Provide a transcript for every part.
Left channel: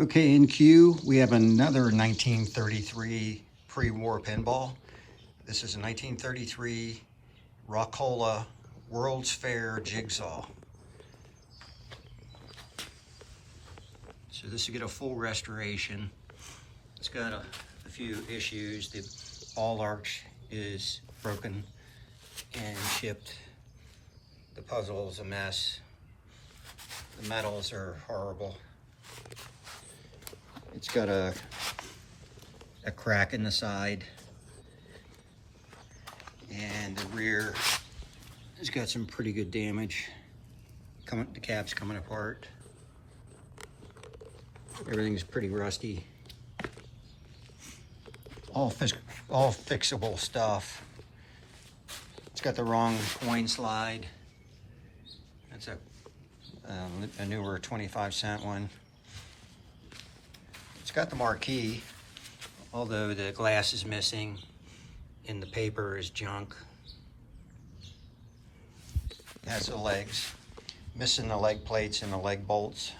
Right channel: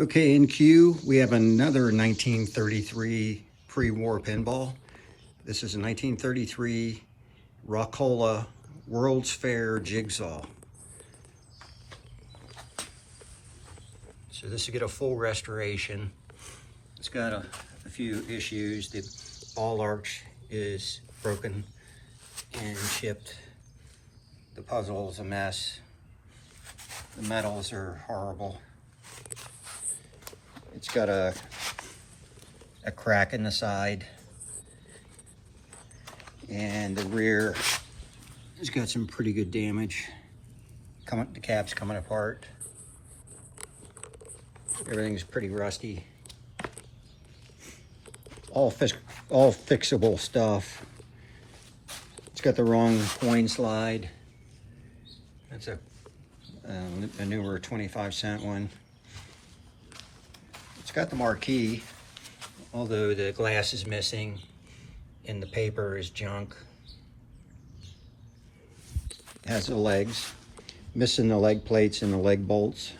Okay, in queue, we have another 1933 pre-war pinball. This is a 1933 Rockola World's Fair Jigsaw. So this will get a full restoration. It's got a few issues. The ball arch is broken and chipped. The puzzle is a mess. The metals are horrible. It's got a crack in the side, and the rear has got some pretty good damage. The cap's coming apart. Everything's pretty rusty. All fixable stuff. It's got the wrong coin slide. That's a newer 25-cent one. It's got the marquee, although the glass is missing and the paper is junk. It has the legs, missing the leg plates and the leg bolts.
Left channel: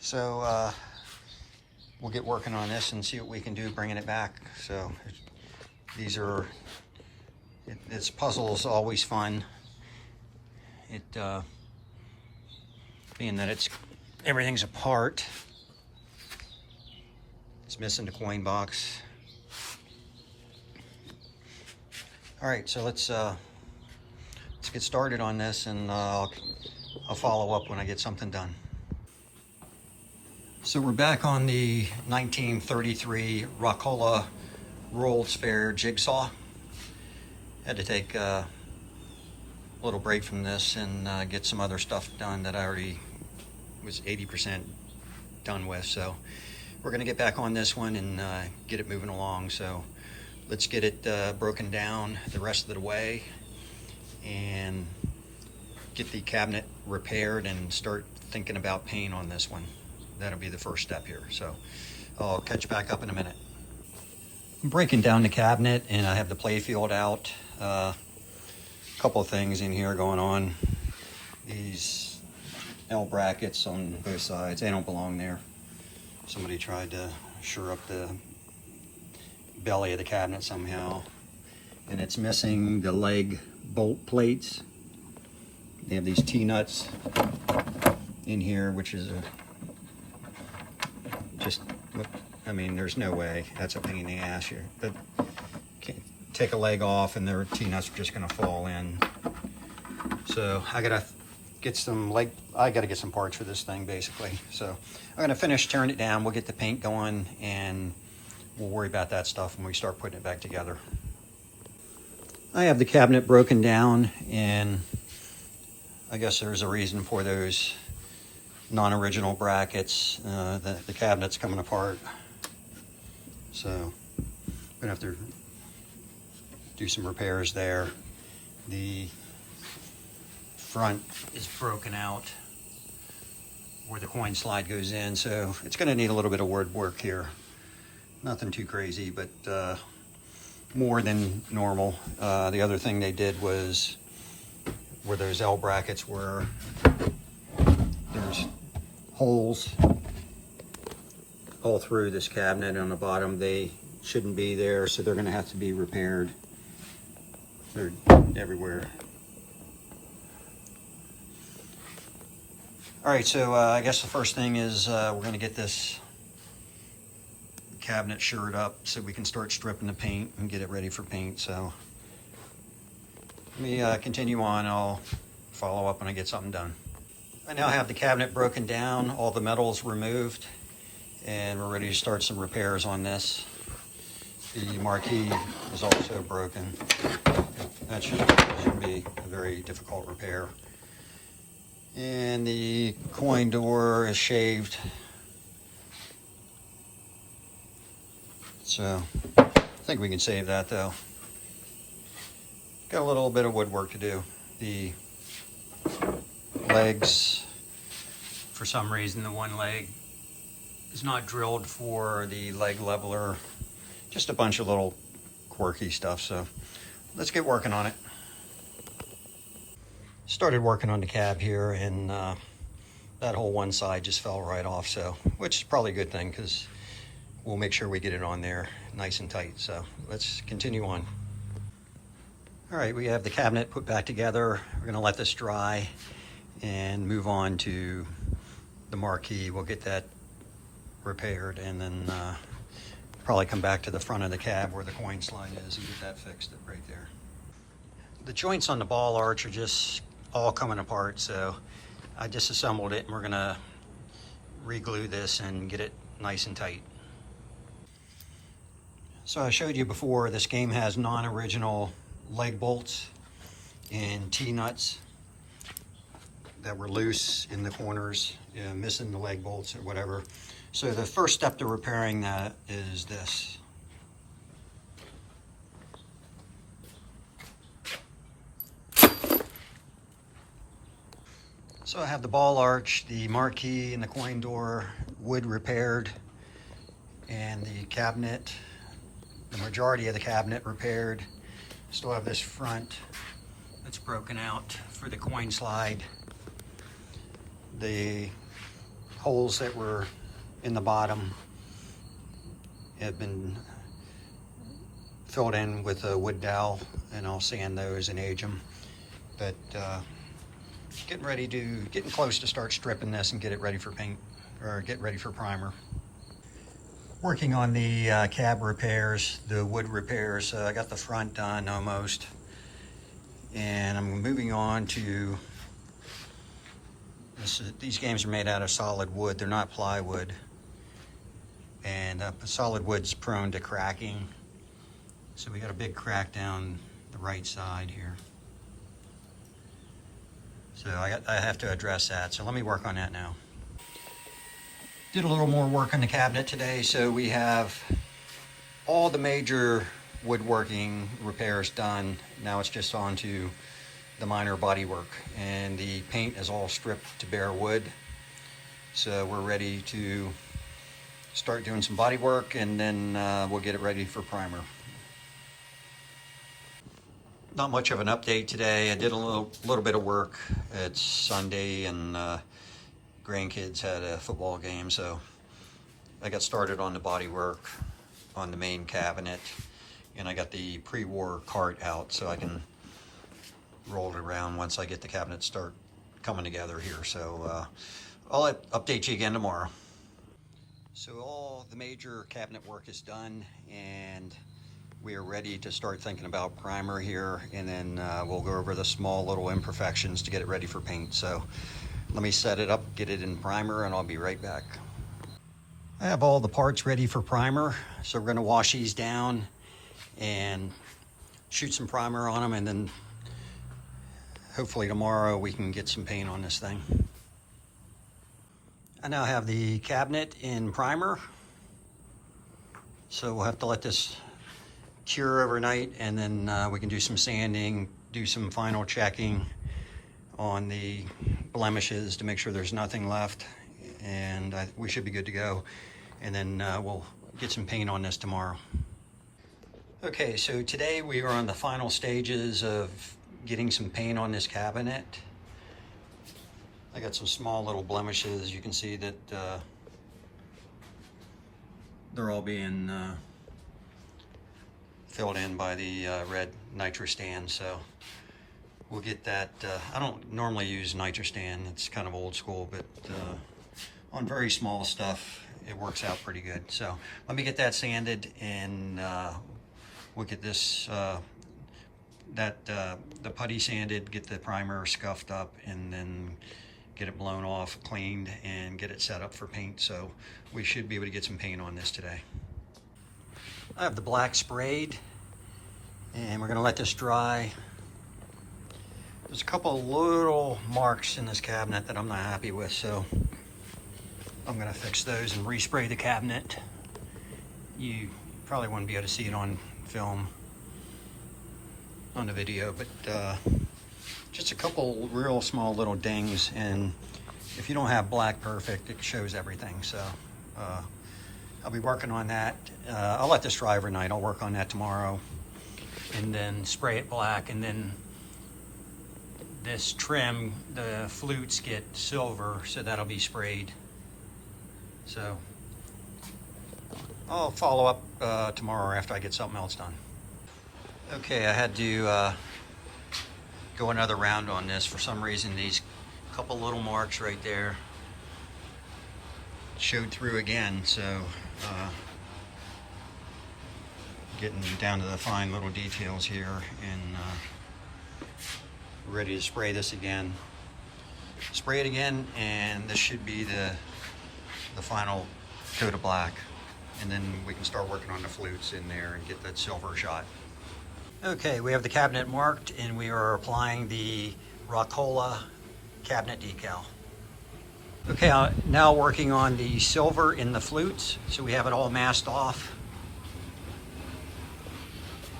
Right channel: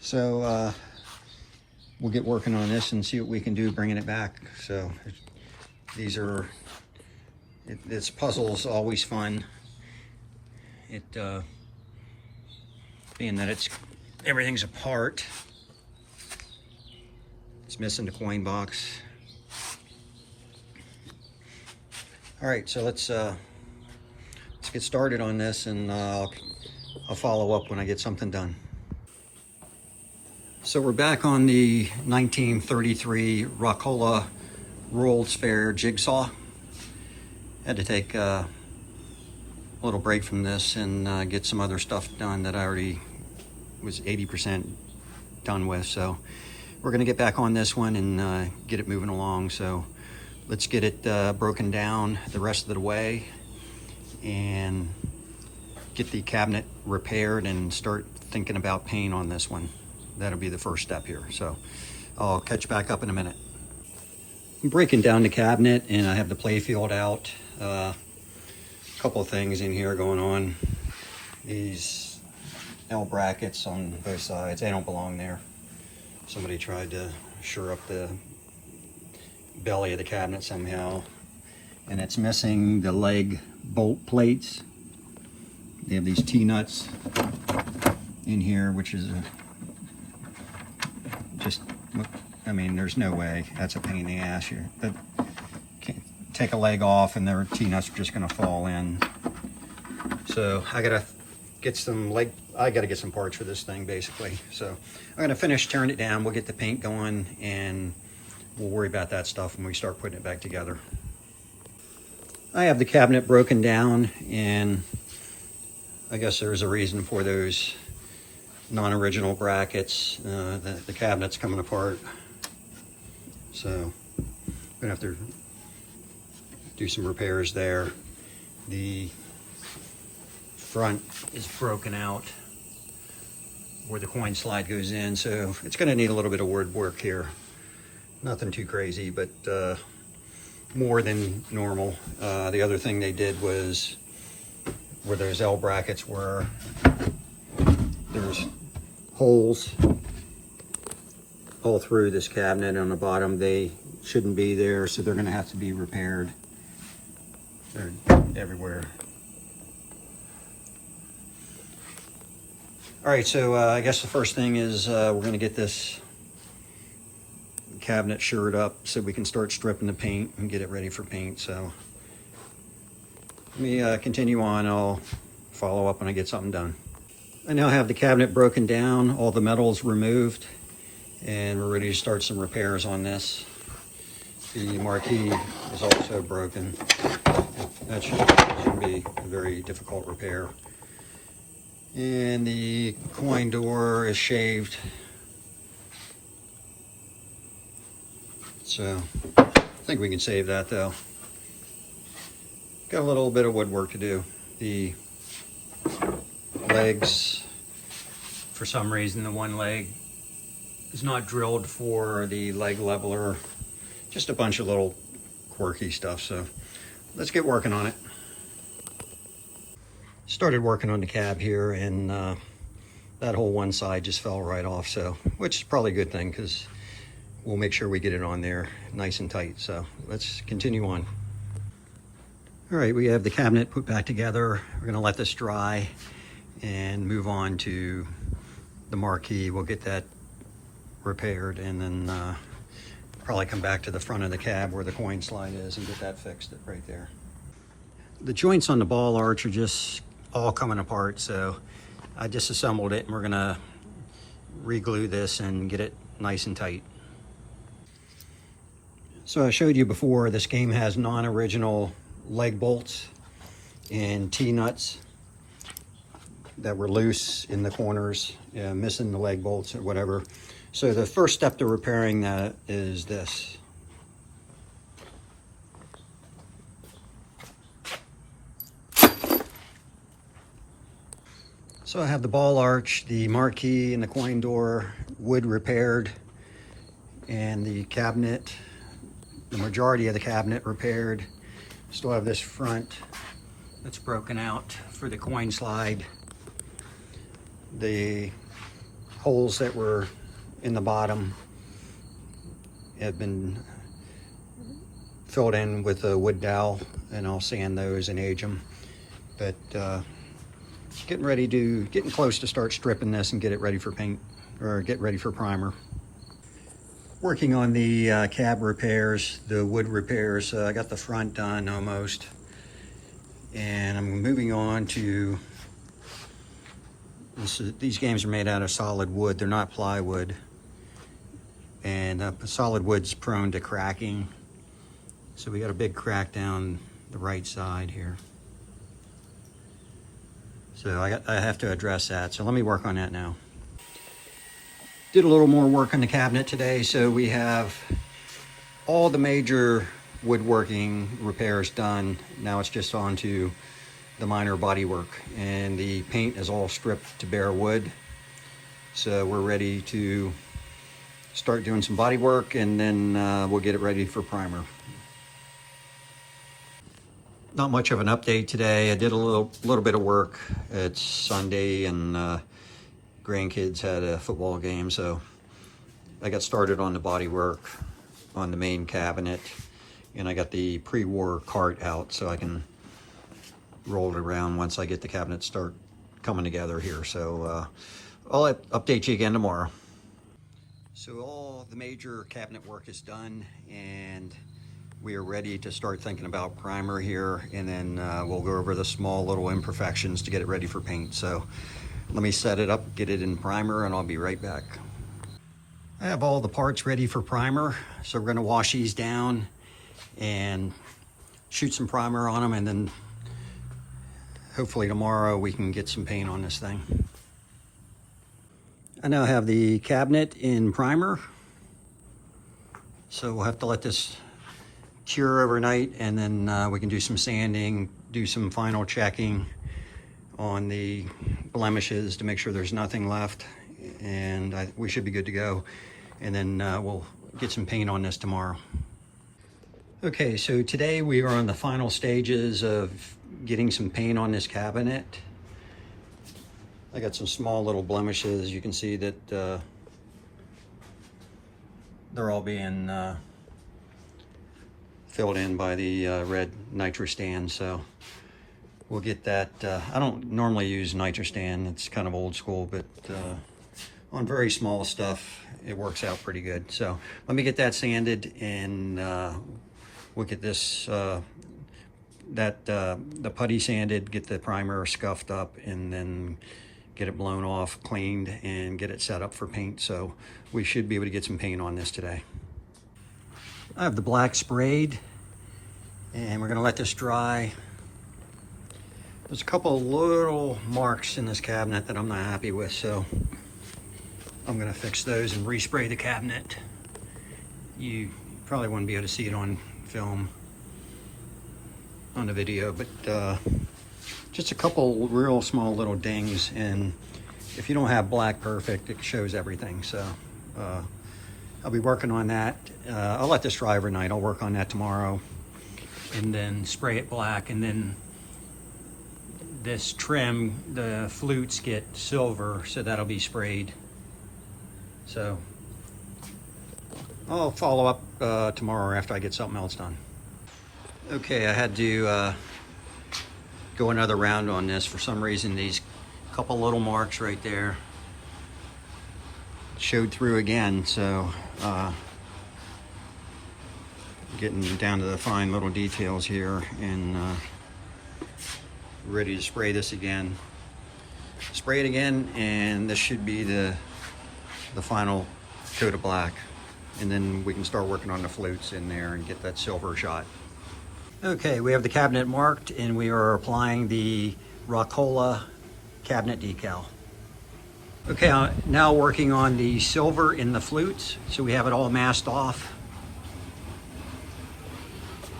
So we'll get working on this and see what we can do bringing it back. So this puzzle is always fun. Being that everything's apart, it's missing the coin box. All right, so let's get started on this, and I'll follow up when I get something done. So we're back on the 1933 Rockola World's Fair Jigsaw. Had to take a little break from this and get some other stuff done that I already was 80% done with. So we're gonna get back on this one and get it moving along. So let's get it broken down the rest of the way and get the cabinet repaired and start thinking about paint on this one. That'll be the first step here. So I'll catch you back up in a minute. I'm breaking down the cabinet and I have the Playfield out. Couple of things in here going on. These L brackets on both sides, they don't belong there. Somebody tried to shore up the belly of the cabinet somehow, and it's missing the leg bolt plates. They have these T-nuts in here, which is I mean, there's no way. That's a pain in the ass here. But take a leg off and their T-nuts are just gonna fall in. So I gotta get some parts for this thing basically. So I'm gonna finish tearing it down. We'll get the paint going and we'll worry about that stuff when we start putting it back together. I have the cabinet broken down, and I guess there's a reason for those non-original brackets. The cabinet's coming apart. So I'm gonna have to do some repairs there. The front is broken out where the coin slide goes in, so it's going to need a little bit of wood work here. Nothing too crazy, but more than normal. The other thing they did was where those L brackets were, there's holes all through this cabinet on the bottom. They shouldn't be there, so they're going to have to be repaired. They're everywhere. All right, so I guess the first thing is we're going to get this cabinet shored up so we can start stripping the paint and get it ready for paint. So let me continue on. I'll follow up when I get something done. I now have the cabinet broken down, all the metals removed, and we're ready to start some repairs on this. The marquee is also broken. That should be a very difficult repair. And the coin door is shaved. So I think we can save that though. Got a little bit of woodwork to do. The legs, for some reason, the one leg is not drilled for the leg leveler. Just a bunch of little quirky stuff. So let's get working on it. Started working on the cab here, and that whole one side just fell right off, so, which is probably a good thing because we'll make sure we get it on there nice and tight. So let's continue on. All right, we have the cabinet put back together. We're gonna let this dry and move on to the marquee. We'll get that repaired and then probably come back to the front of the cab where the coin slide is and get that fixed right there. The joints on the ball arch are just all coming apart, so I disassembled it and we're gonna re-glue this and get it nice and tight. So I showed you before, this game has non-original leg bolts and T-nuts that were loose in the corners, missing the leg bolts or whatever. So the first step to repairing that is this. So I have the ball arch, the marquee, and the coin door wood repaired, and the cabinet, the majority of the cabinet repaired. Still have this front that's broken out for the coin slide. The holes that were in the bottom have been filled in with a wood dowel, and I'll sand those and age them. But getting close to start stripping this and get it ready for paint, or get ready for primer. Working on the cab repairs, the wood repairs. I got the front done almost, and I'm moving on to these games are made out of solid wood. They're not plywood, and solid wood's prone to cracking. So we got a big crack down the right side here. So I have to address that. So let me work on that now. Did a little more work on the cabinet today. So we have all the major woodworking repairs done. Now it's just on to the minor body work, and the paint is all stripped to bare wood. So we're ready to start doing some body work, and then we'll get it ready for primer. Not much of an update today. I did a little bit of work. It's Sunday, and grandkids had a football game, so I got started on the body work on the main cabinet, and I got the pre-war cart out so I can roll it around once I get the cabinet start coming together here. So I'll update you again tomorrow. So all the major cabinet work is done, and we are ready to start thinking about primer here, and then we'll go over the small little imperfections to get it ready for paint. So let me set it up, get it in primer, and I'll be right back. I have all the parts ready for primer, so we're gonna wash these down and shoot some primer on them, and then hopefully tomorrow we can get some paint on this thing. I now have the cabinet in primer, so we'll have to let this cure overnight, and then we can do some sanding, do some final checking on the blemishes to make sure there's nothing left, and we should be good to go. And then we'll get some paint on this tomorrow. Okay, so today we are on the final stages of getting some paint on this cabinet. I got some small little blemishes. You can see that they're all being filled in by the red nitrostan, so we'll get that. I don't normally use nitrostan, it's kind of old school, but on very small stuff it works out pretty good. So let me get that sanded, and we'll get this the putty sanded, get the primer scuffed up, and then get it blown off, cleaned, and get it set up for paint. So we should be able to get some paint on this today. I have the black sprayed, and we're gonna let this dry. There's a couple of little marks in this cabinet that I'm not happy with, so I'm gonna fix those and respray the cabinet. You probably wouldn't be able to see it on film, on the video, but just a couple real small little dings, and if you don't have black perfect, it shows everything. So I'll be working on that. I'll let this dry overnight. I'll work on that tomorrow, and then spray it black, and then this trim, the flutes get silver, so that'll be sprayed. So I'll follow up tomorrow after I get something else done. Okay, I had to go another round on this. For some reason, these couple little marks right there showed through again, so getting down to the fine little details here, and ready to spray this again. Spray it again, and this should be the final coat of black, and then we can start working on the flutes in there and get that silver shot. Okay, we have the cabinet marked, and we are applying the Rockola cabinet decal. Okay, now working on the silver in the flutes, so we have it all masked off,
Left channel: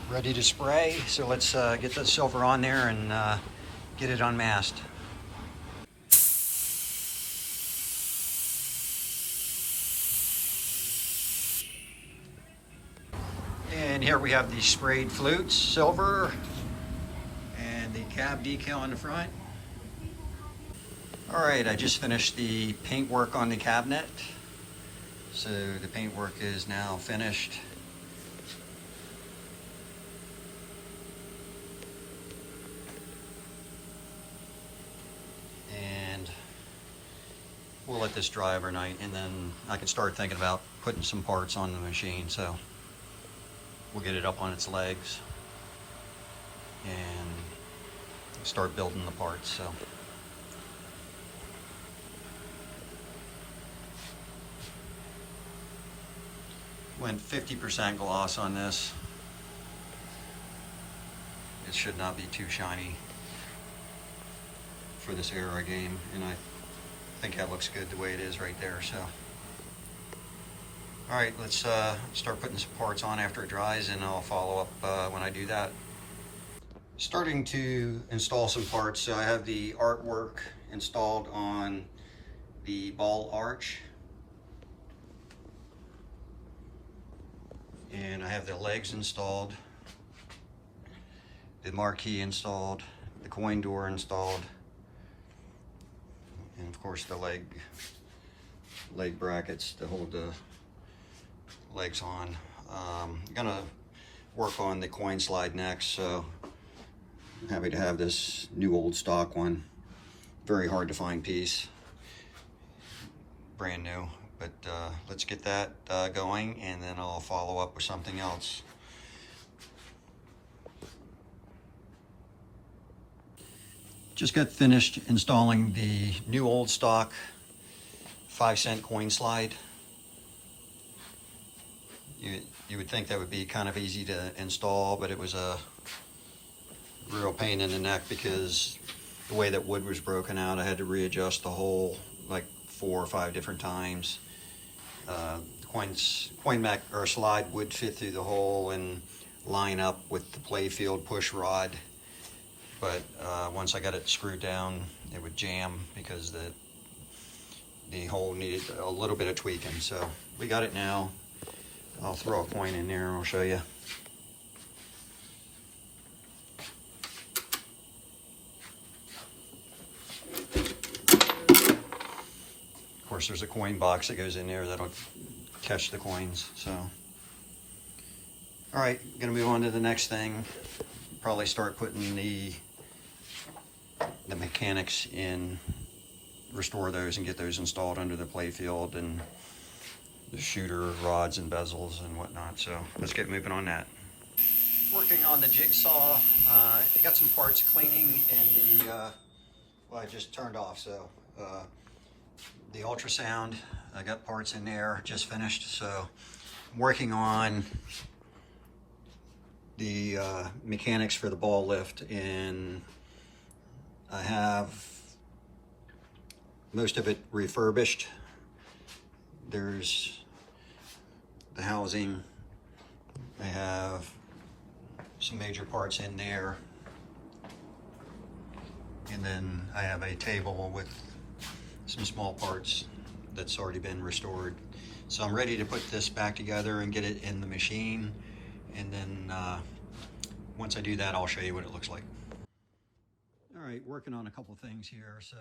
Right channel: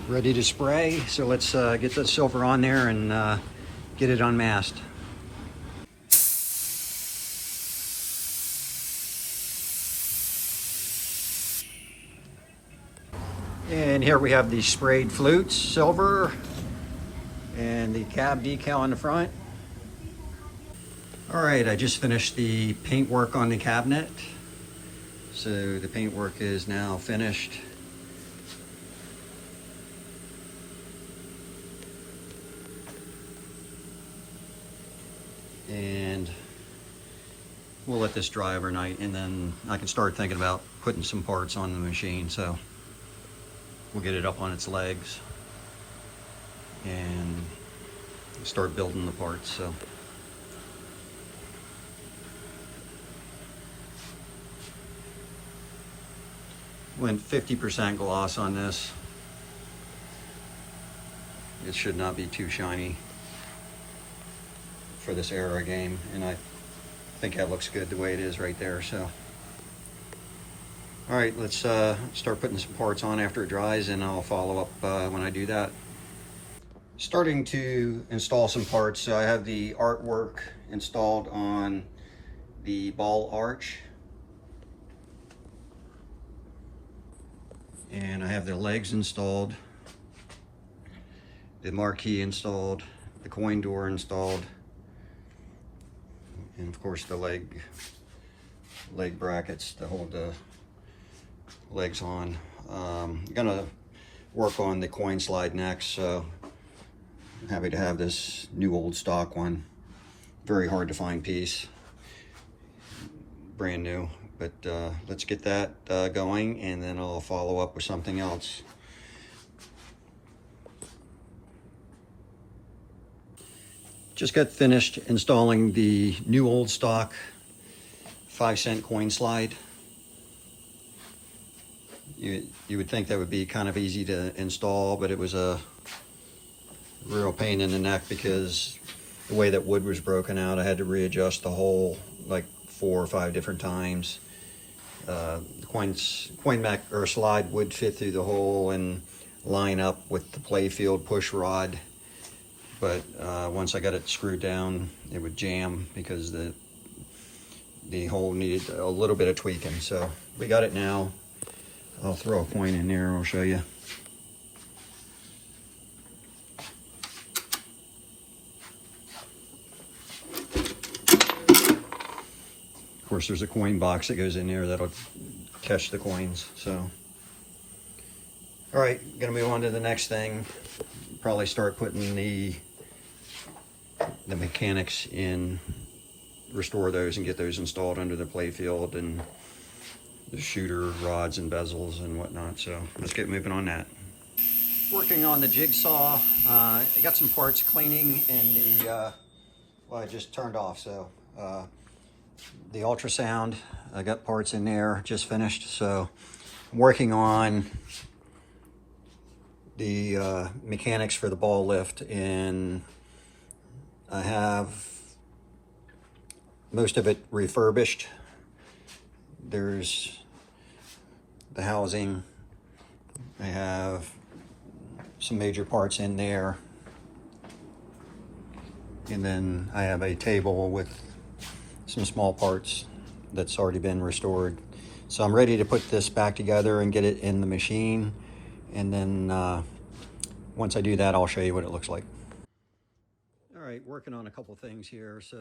ready to spray. So let's get the silver on there and get it unmasked. And here we have the sprayed flutes, silver, and the cab decal on the front. All right, I just finished the paint work on the cabinet. So the paint work is now finished. And we'll let this dry overnight, and then I can start thinking about putting some parts on the machine. So we'll get it up on its legs and start building the parts. So went 50% gloss on this. It should not be too shiny for this era game, and I think that looks good the way it is right there. So all right, let's start putting some parts on after it dries, and I'll follow up when I do that. Starting to install some parts. So I have the artwork installed on the ball arch, and I have the legs installed, the marquee installed, the coin door installed, and of course the leg brackets to hold the legs on. I'm gonna work on the coin slide next, so I'm happy to have this new old stock one. Very hard to find piece, brand new, but let's get that going, and then I'll follow up with something else. Just got finished installing the new old stock 5-cent coin slide. You would think that would be kind of easy to install, but it was a real pain in the neck because the way that wood was broken out, I had to readjust the hole like 4 or 5 different times. The coin back or slide would fit through the hole and line up with the Playfield push rod, but once I got it screwed down, it would jam because the hole needed a little bit of tweaking. So we got it now. I'll throw a coin in there and I'll show you. Of course, there's a coin box that goes in there that'll catch the coins. So, all right, gonna move on to the next thing. Probably start putting the mechanics in, restore those and get those installed under the Playfield, and the shooter rods and bezels and whatnot. So let's get moving on that. Working on the jigsaw. I got some parts cleaning in the, well, I just turned off. So the ultrasound, I got parts in there, just finished. So I'm working on the mechanics for the ball lift, and I have most of it refurbished. There's the housing. I have some major parts in there. And then I have a table with some small parts that's already been restored. So I'm ready to put this back together and get it in the machine. And then once I do that, I'll show you what it looks like. All right, working on a couple things here. So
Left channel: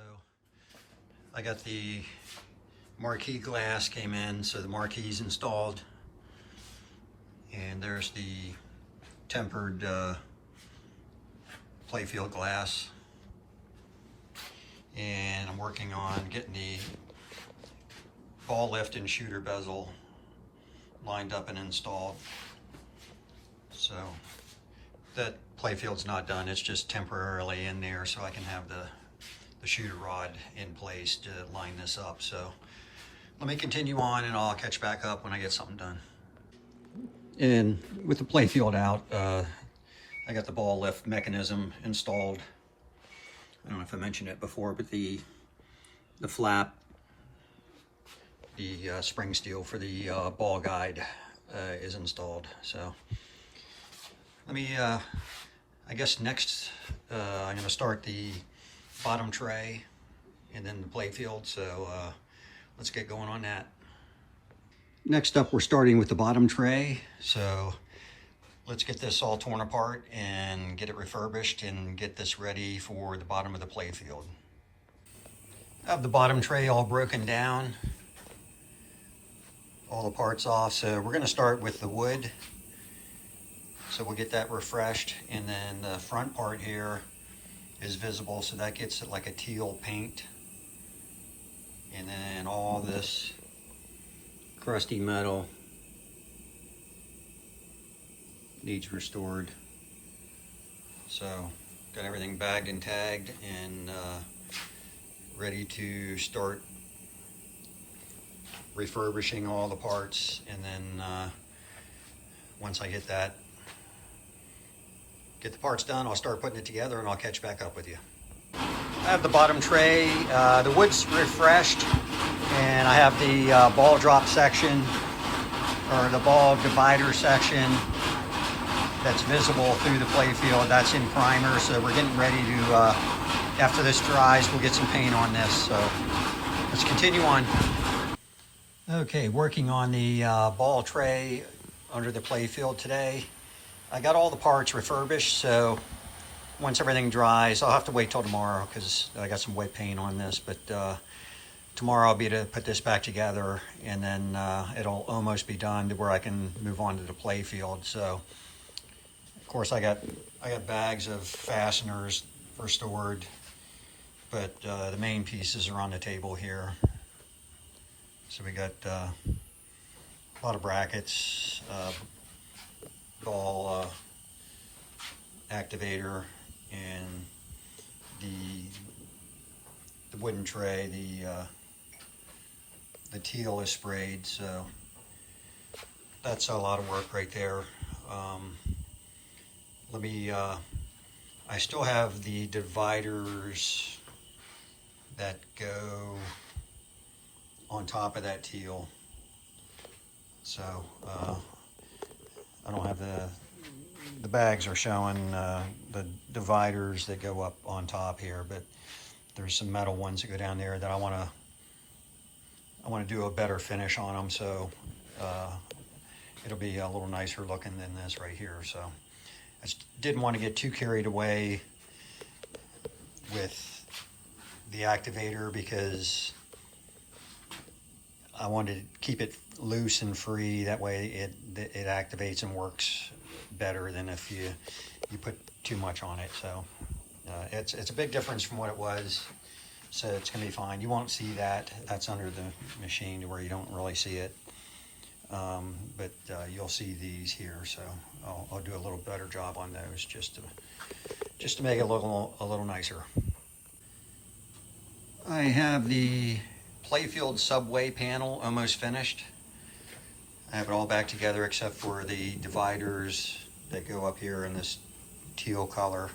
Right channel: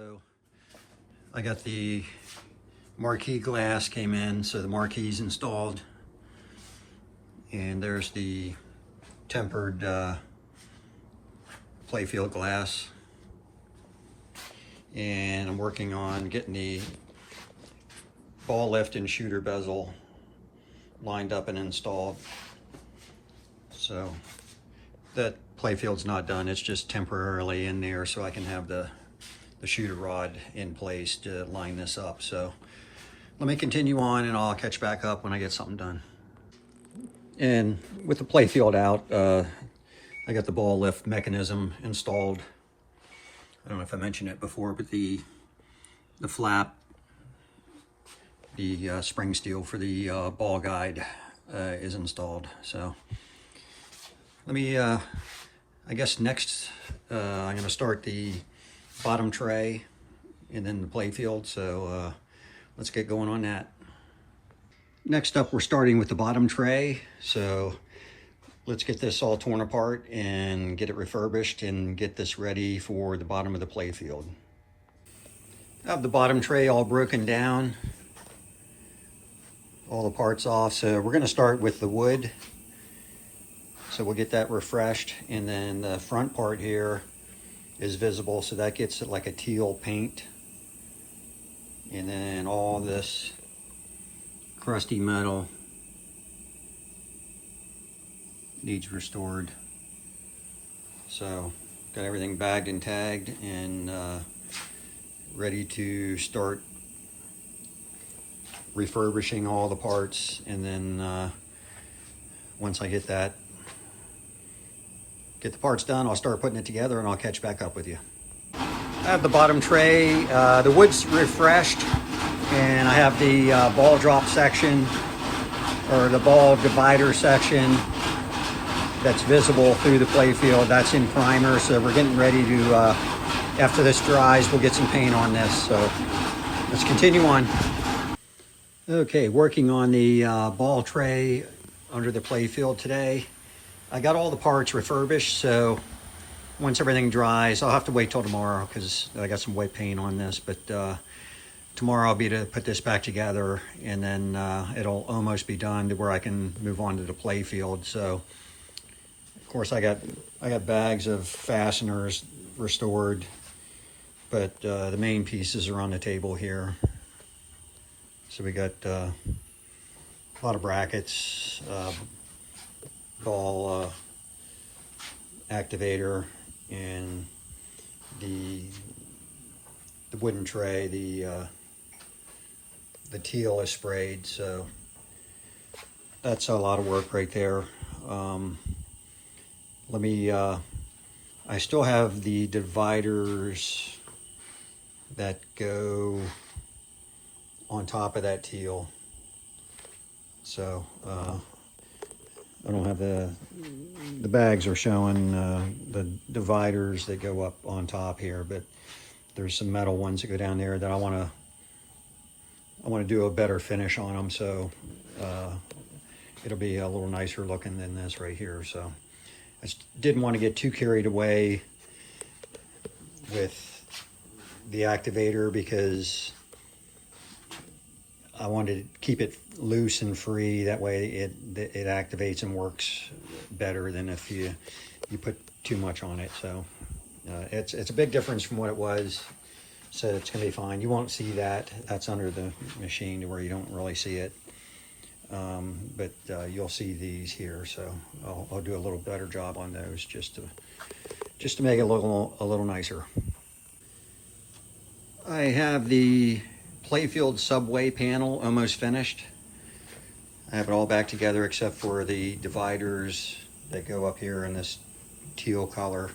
I got the marquee glass came in, so the marquee's installed. And there's the tempered Playfield glass. And I'm working on getting the ball lift and shooter bezel lined up and installed. So that Playfield's not done, it's just temporarily in there so I can have the shooter rod in place to line this up. So let me continue on and I'll catch back up when I get something done. And with the Playfield out, I got the ball lift mechanism installed. I don't know if I mentioned it before, but the flap, the spring steel for the ball guide is installed. So let me, I guess next I'm going to start the bottom tray and then the Playfield. So let's get going on that. Next up, we're starting with the bottom tray. So let's get this all torn apart and get it refurbished and get this ready for the bottom of the Playfield. I have the bottom tray all broken down, all the parts off. So we're gonna start with the wood. So we'll get that refreshed, and then the front part here is visible, so that gets it like a teal paint. And then all this crusty metal needs restored. So got everything bagged and tagged and ready to start refurbishing all the parts. And then once I get the parts done, I'll start putting it together and I'll catch back up with you. I have the bottom tray, the wood's refreshed, and I have the ball drop section, or the ball divider section that's visible through the Playfield. That's in primer, so we're getting ready to, after this dries, we'll get some paint on this. So let's continue on. Okay, working on the ball tray under the Playfield today. I got all the parts refurbished, so once everything dries, I'll have to wait till tomorrow because I got some wet paint on this, but tomorrow I'll be to put this back together, and then it'll almost be done to where I can move on to the Playfield. So of course I got bags of fasteners restored, but the main pieces are on the table here. So we got a lot of brackets, ball activator, and the wooden tray. The teal is sprayed, so that's a lot of work right there. Let me, I still have the dividers that go on top of that teal. So I don't have the bags are showing the dividers that go up on top here, but there's some metal ones that go down there that I want to do a better finish on them, so it'll be a little nicer looking than this right here. So I just didn't want to get too carried away with the activator because I wanted to keep it loose and free. That way it activates and works better than if you put too much on it. So it's a big difference from what it was. So it's gonna be fine. You won't see that. That's under the machine to where you don't really see it. But you'll see these here. So I'll do a little better job on those just to make it look a little nicer. I have the Playfield subway panel almost finished. I have it all back together except for the dividers that go up here in this teal color.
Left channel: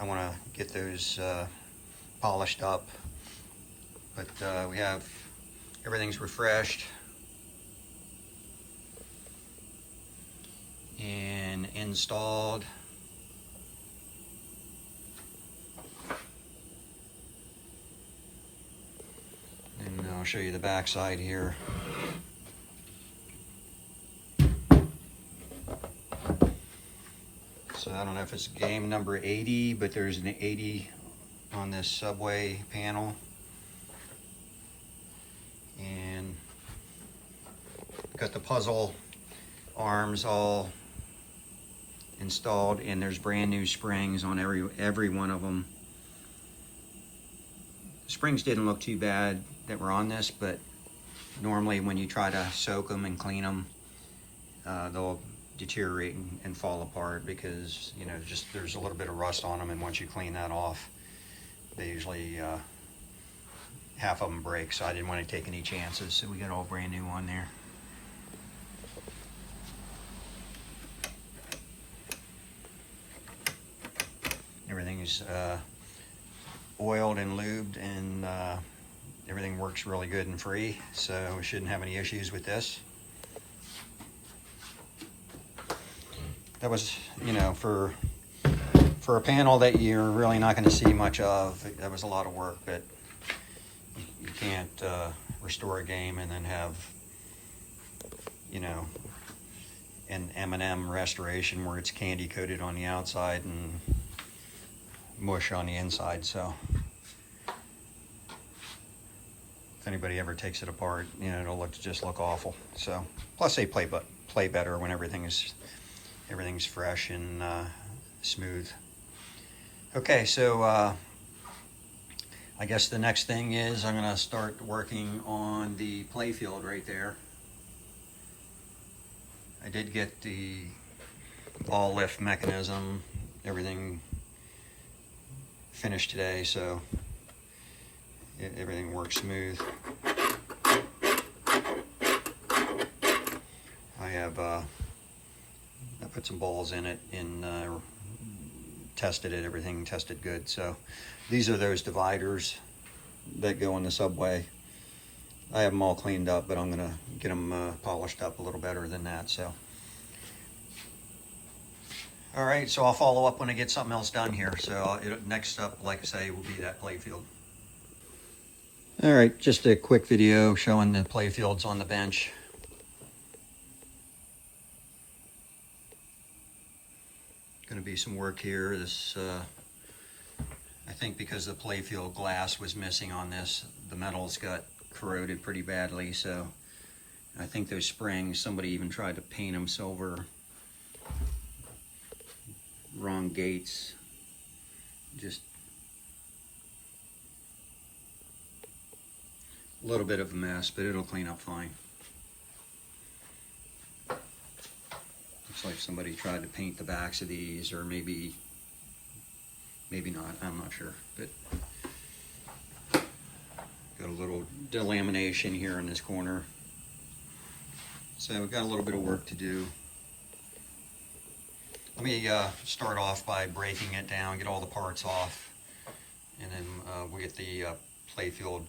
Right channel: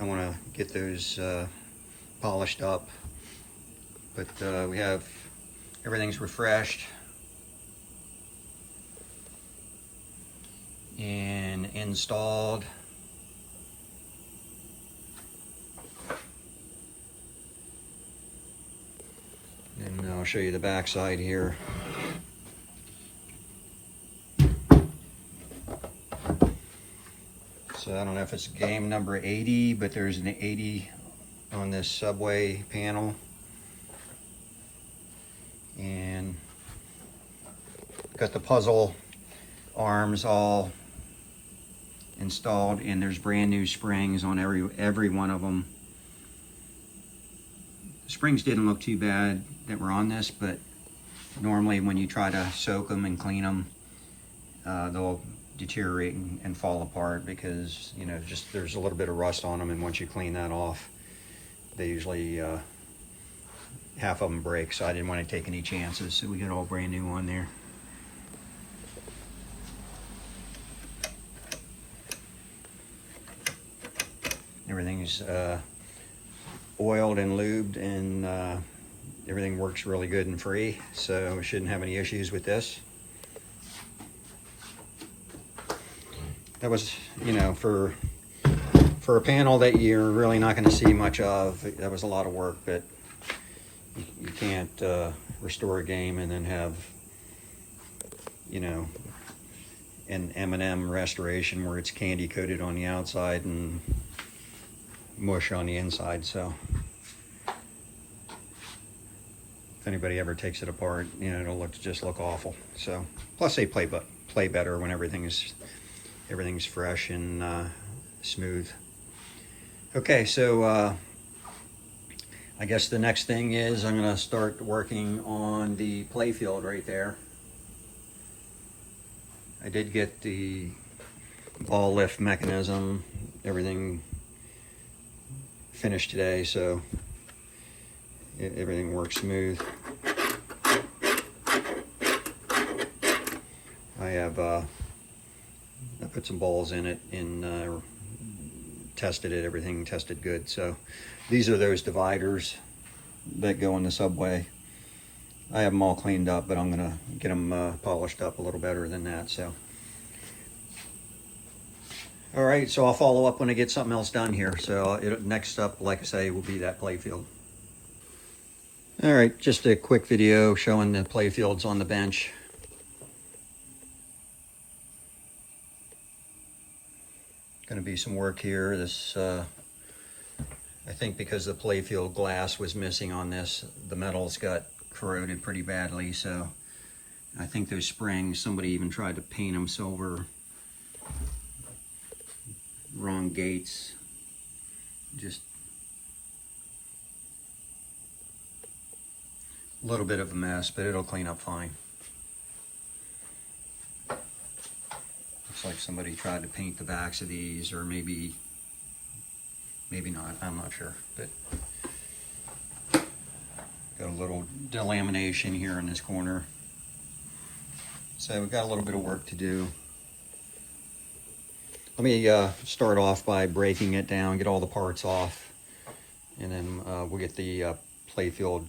I want to get those polished up, but we have everything's refreshed and installed. And I'll show you the back side here. So I don't know if it's game number 80, but there's an 80 on this subway panel, and got the puzzle arms all installed, and there's brand new springs on every one of them. The springs didn't look too bad that were on this, but normally when you try to soak them and clean them, they'll deteriorate and fall apart because, you know, just there's a little bit of rust on them, and once you clean that off, they usually half of them break. So I didn't want to take any chances, so we got all brand new on there. Everything's oiled and lubed, and everything works really good and free, so we shouldn't have any issues with this. That was, you know, for a panel that you're really not going to see much of, that was a lot of work, but you can't restore a game and then have, you know, an M&M restoration where it's candy coated on the outside and mush on the inside. So if anybody ever takes it apart, you know, it'll just look awful. So plus they play better when everything's fresh and smooth. Okay, so I guess the next thing is I'm gonna start working on the Playfield right there. I did get the ball lift mechanism, everything finished today, so everything works smooth. I put some balls in it and tested it. Everything tested good. So these are those dividers that go in the subway. I have them all cleaned up, but I'm gonna get them polished up a little better than that. So all right, so I'll follow up when I get something else done here. So next up, like I say, will be that Playfield. All right, just a quick video showing the Playfields on the bench. Going to be some work here. This, I think because the Playfield glass was missing on this, the metals got corroded pretty badly. So I think those springs, somebody even tried to paint them silver. Wrong gates, just a little bit of a mess, but it'll clean up fine. Looks like somebody tried to paint the backs of these, or maybe not, I'm not sure, but got a little delamination here in this corner. So we've got a little bit of work to do. Let me start off by breaking it down, get all the parts off, and then we'll get the Playfield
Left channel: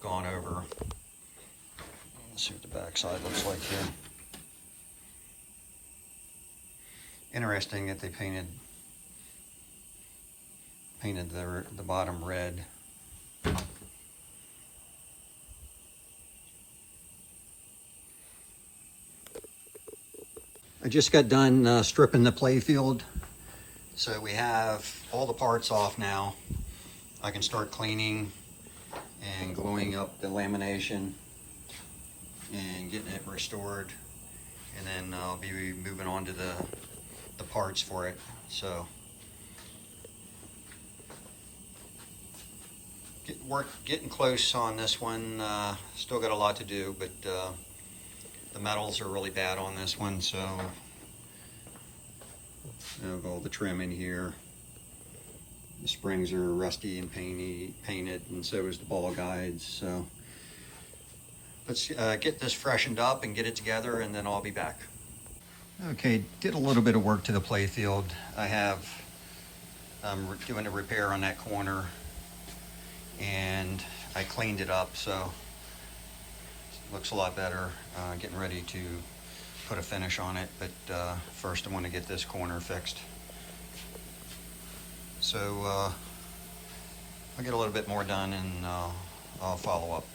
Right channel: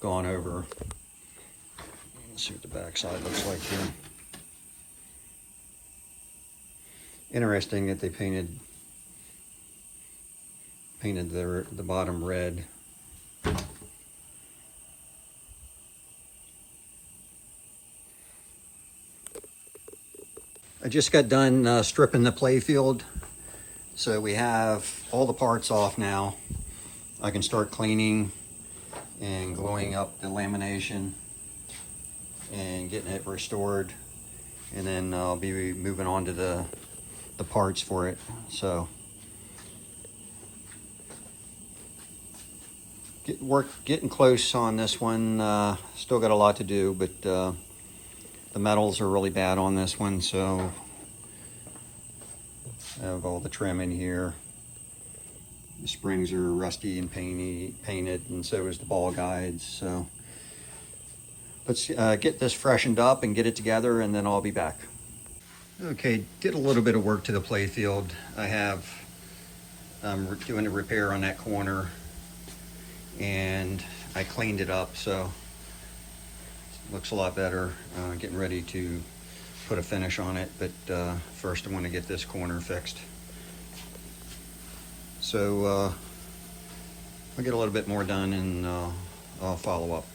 gone over. Let's see what the back side looks like here. Interesting that they painted the bottom red. I just got done stripping the Playfield, so we have all the parts off now. I can start cleaning and gluing up the lamination and getting it restored, and then I'll be moving on to the parts for it. So getting close on this one. Still got a lot to do, but the metals are really bad on this one, so I have all the trim in here. The springs are rusty and painted, and so is the ball guides. So let's get this freshened up and get it together, and then I'll be back. Okay, did a little bit of work to the Playfield. I have doing a repair on that corner, and I cleaned it up, so it looks a lot better. Getting ready to put a finish on it, but first I want to get this corner fixed. So I'll get a little bit more done, and I'll follow up.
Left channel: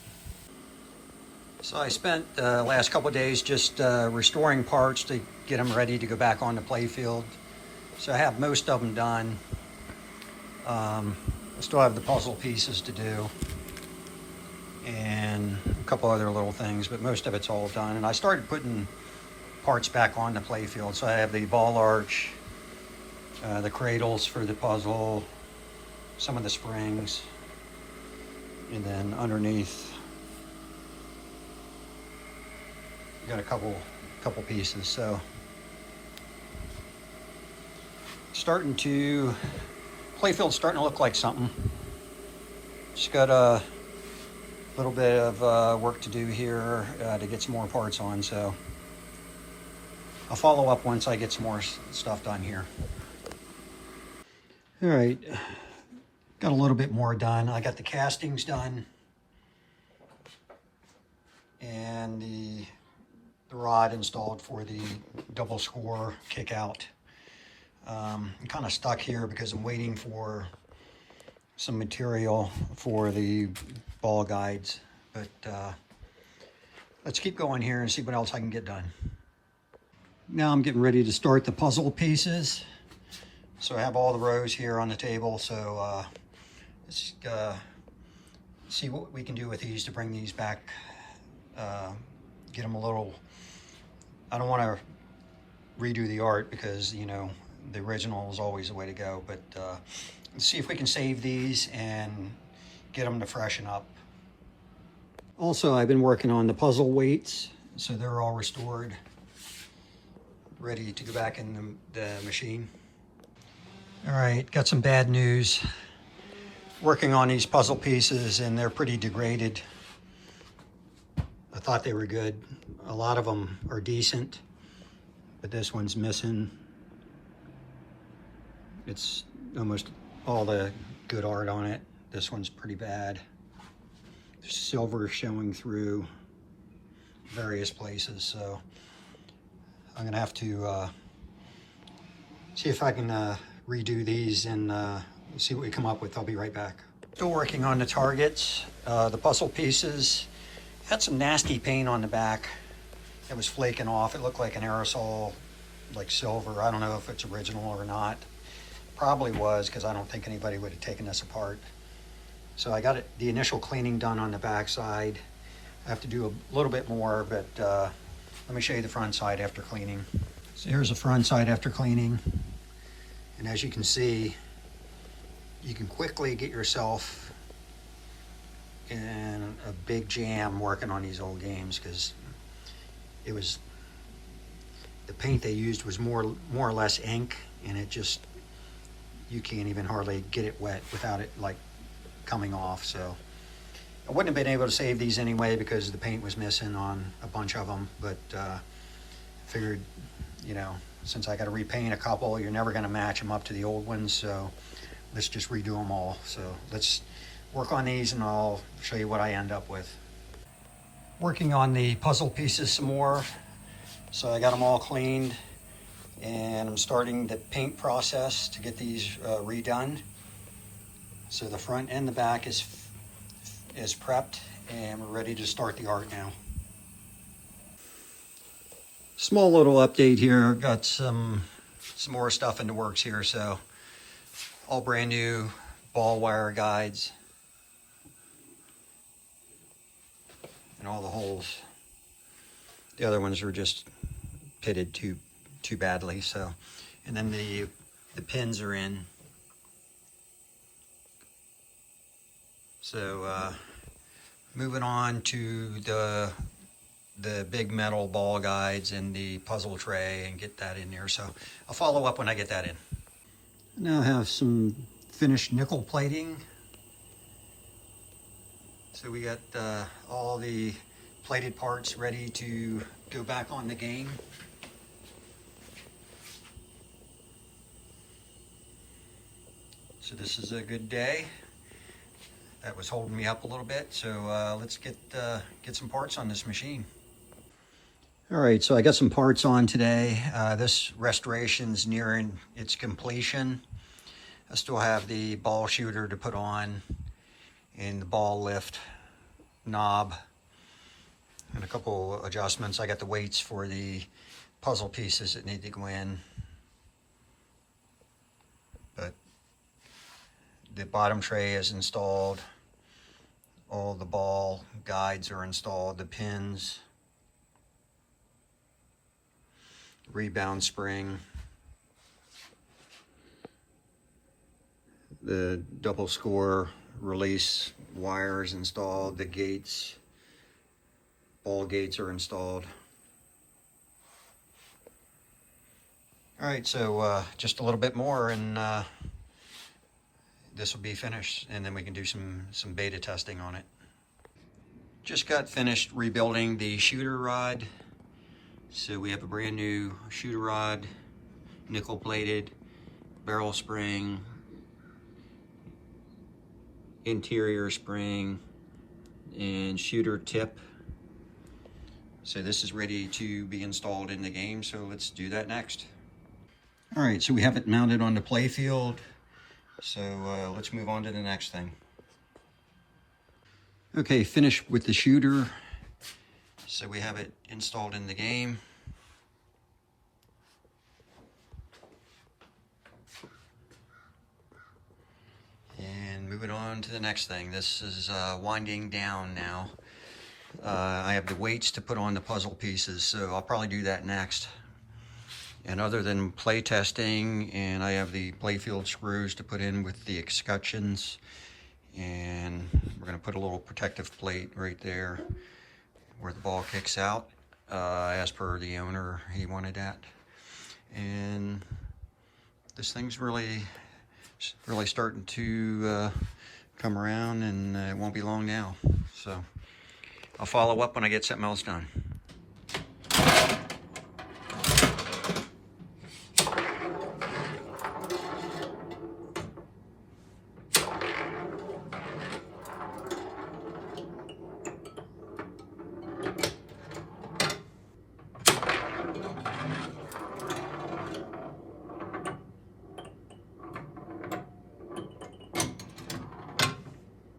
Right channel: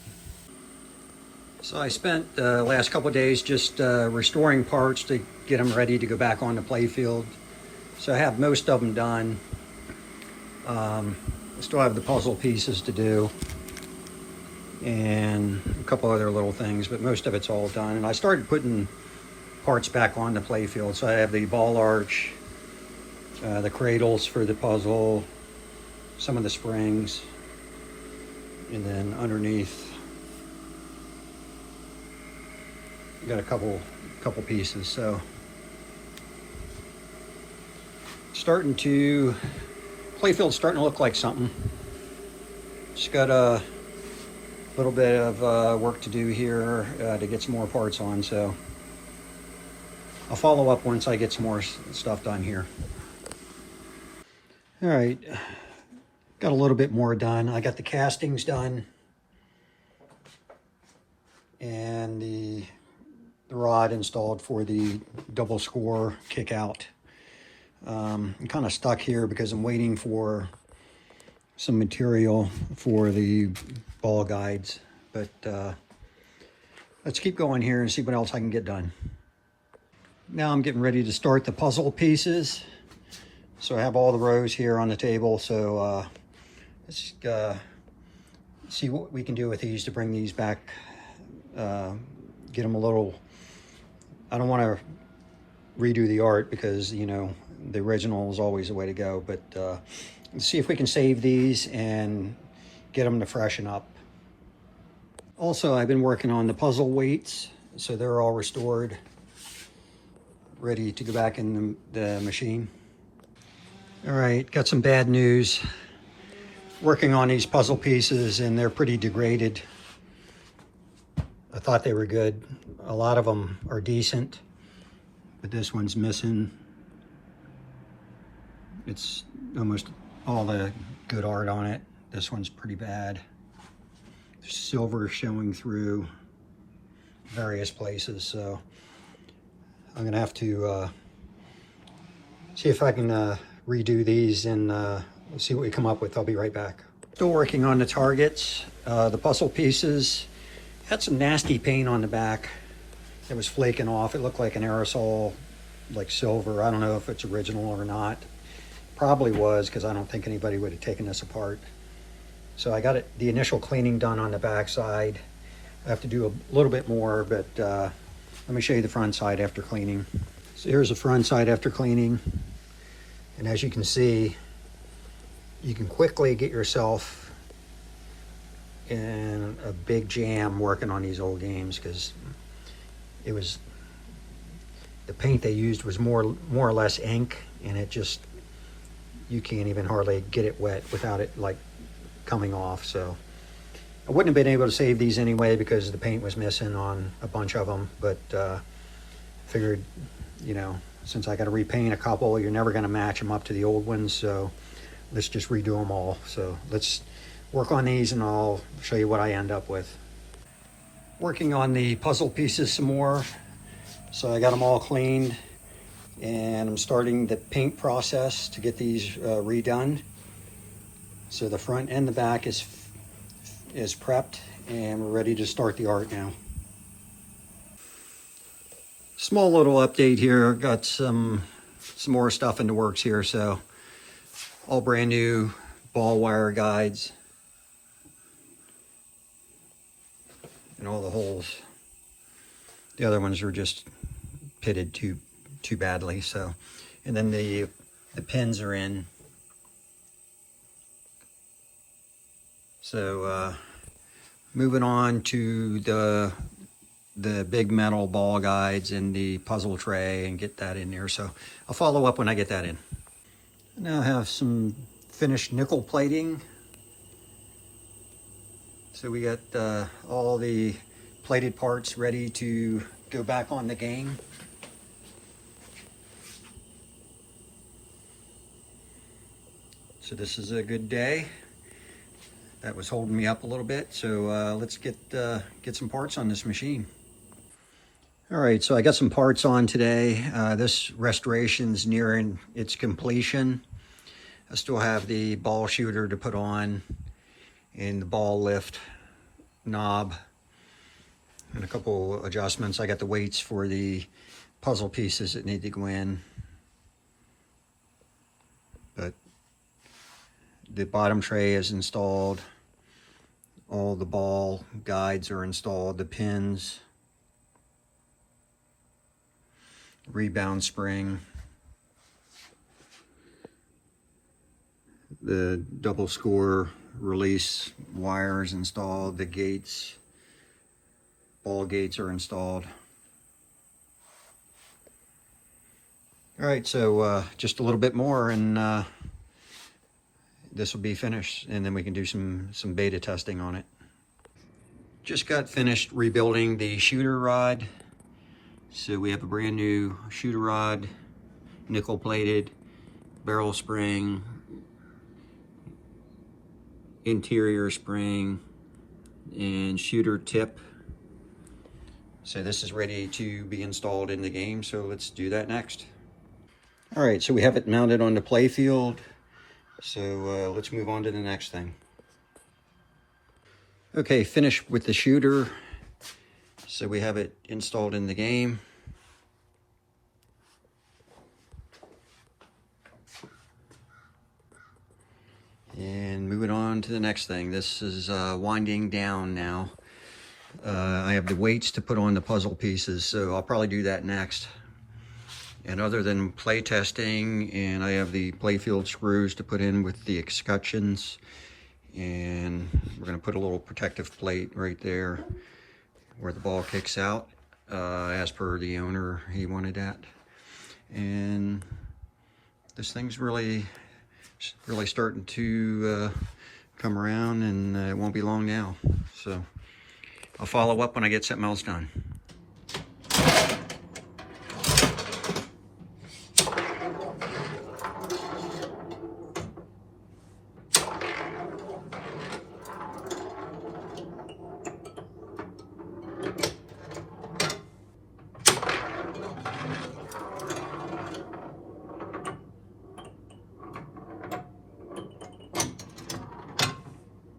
So I spent the last couple of days just restoring parts to get them ready to go back on the Playfield. So I have most of them done. I still have the puzzle pieces to do and a couple other little things, but most of it's all done. And I started putting parts back on the playfield. So I have the ball arch, the cradles for the puzzle, some of the springs, and then underneath you got a couple pieces. So playfield's starting to look like something. Just got a little bit of work to do here to get some more parts on, so I'll follow up once I get some more stuff done here. All right, got a little bit more done. I got the castings done and the rod installed for the double score kick out. I'm kind of stuck here because I'm waiting for some material for the ball guides, but let's keep going here and see what else I can get done. Now I'm getting ready to start the puzzle pieces. So I have all the rows here on the table, so let's see what we can do with these to bring these back, get them a little, I don't want to redo the art because, you know, the original is always the way to go, but let's see if we can save these and get them to freshen up. Also, I've been working on the puzzle weights, so they're all restored, ready to go back in the machine. All right, got some bad news. Working on these puzzle pieces and they're pretty degraded. I thought they were good. A lot of them are decent, but this one's missing. It's almost all the good art on it. This one's pretty bad. There's silver showing through various places, so I'm gonna have to see if I can redo these and see what we come up with. I'll be right back. Still working on the targets. The puzzle pieces had some nasty paint on the back. It was flaking off. It looked like an aerosol, like silver. I don't know if it's original or not. Probably was, because I don't think anybody would have taken this apart. So I got the initial cleaning done on the back side. I have to do a little bit more, but let me show you the front side after cleaning. So here's the front side after cleaning. And as you can see, you can quickly get yourself in a big jam working on these old games, because it was, the paint they used was more or less ink, and it just, you can't even hardly get it wet without it like coming off. So I wouldn't have been able to save these anyway because the paint was missing on a bunch of them, but figured, you know, since I got to repaint a couple, you're never going to match them up to the old ones, so let's just redo them all. So let's work on these and I'll show you what I end up with. Working on the puzzle pieces some more. So I got them all cleaned and I'm starting the paint process to get these redone. So the front and the back is prepped and we're ready to start the art now. Small little update here. Got some more stuff in the works here. So all brand new ball wire guides and all the holes. The other ones were just pitted too badly. So, and then the pins are in. So moving on to the big metal ball guides and the puzzle tray and get that in there. So I'll follow up when I get that in. Now I have some finished nickel plating. So we got all the plated parts ready to go back on the game. So this is a good day. That was holding me up a little bit. So let's get some parts on this machine. All right, so I got some parts on today. This restoration's nearing its completion. I still have the ball shooter to put on and the ball lift knob and a couple adjustments. I got the weights for the puzzle pieces that need to go in. But the bottom tray is installed. All the ball guides are installed, the pins, rebound spring, the double score release wires installed, the gates, ball gates are installed. All right, so just a little bit more and this will be finished, and then we can do some beta testing on it. Just got finished rebuilding the shooter rod. So we have a brand new shooter rod, nickel plated, barrel spring, interior spring, and shooter tip. So this is ready to be installed in the game, so let's do that next. All right, so we have it mounted on the Playfield. So let's move on to the next thing. Okay, finished with the shooter. So we have it installed in the game. And moving on to the next thing. This is winding down now. I have the weights to put on the puzzle pieces, so I'll probably do that next. And other than play testing, and I have the Playfield screws to put in with the escutcheons, and we're going to put a little protective plate right there where the ball kicks out, as per the owner, he wanted that. And this thing's really starting to come around, and it won't be long now. So I'll follow up when I get something else done.